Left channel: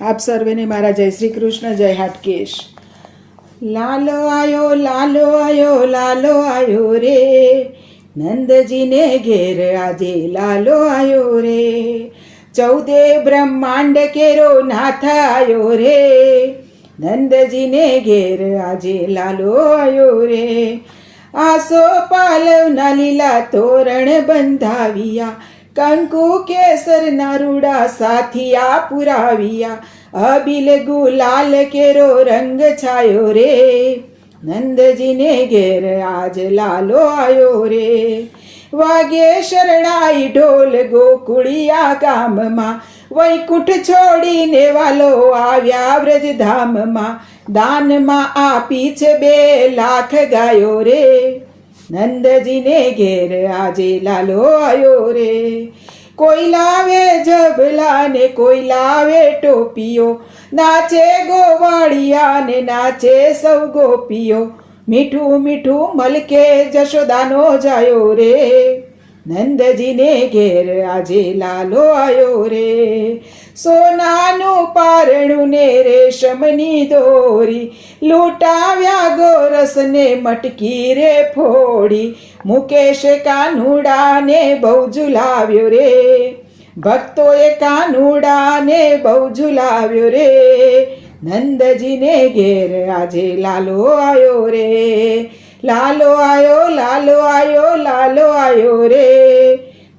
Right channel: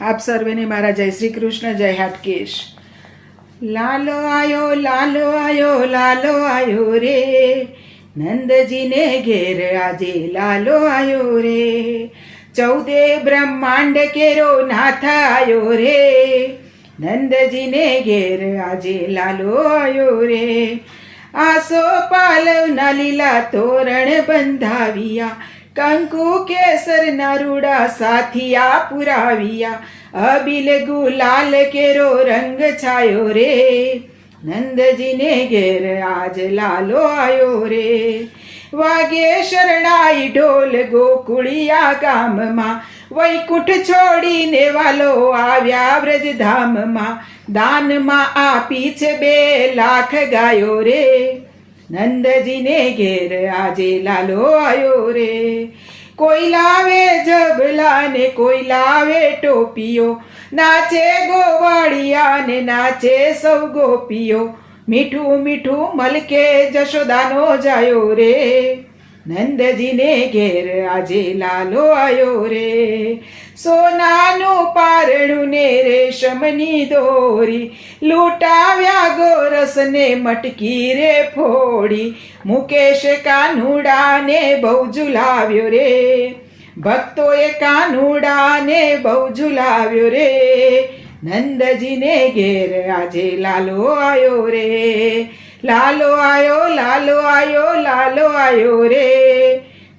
આપ સર્વેને મારા જય શ્રી કૃષ્ણ, જય હાટકેશ. લાલો આયો લાલો આયો લાલો આયો રે, નંદજીને ઘેર આજે લાલો આયો રે. 14 બ્રહ્માંડ કેરો નાથ આયો રે, નંદજીને ઘેર આજે લાલો આયો રે. આસો પાલવના લીલા તોરણ બંધાવ્યા, કંકુ કેસર નારુડા સાથિયા પુરાવ્યા. અબિલ ગુલાલ કેરો રંગ છાયો રે, નંદજીને ઘેર આજ લાલો આયો રે. વાગે શરણાઈ ઢોલ ગોકુળિયા ગામમાં, વૈકુંઠ છોડીને વાલો આવ્યા વ્રજધામમાં. દાનમાં આપી છે 2 લાખ ગાયો રે, નંદજીને ઘેર આજે લાલો આયો રે. કોઈ લાવે ઝબલા ને કોઈ લાવે ટોપીઓ, નાચે ગોવાળિયા ને નાચે સૌ ગોપીઓ. મીઠું મીઠું મલકે જશોદાનો જાયો રે, નંદજીને ઘેર આજે લાલો આયો રે. સોનાનું પારણું ને રેશમની દોરી, લૂંટાવ્યા ગોરસને મટકી રે ફોડી. મુકેશ કાનુડાને બહુ ઝુલાવ્યો રે, ભક્તોએ કાનુડાને બહુ ઝુલાવ્યો રે. નંદજીને ઘેર આજે લાલો આયો રે, લાલો આયો લાલો આયો લાલો આયો રે.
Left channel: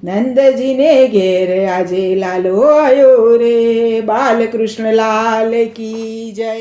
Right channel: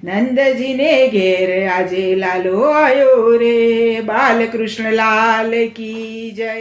નંદજીને ઘેર આજે લાલો આયો રે. બાલકૃષ્ણ લાલ કી જય.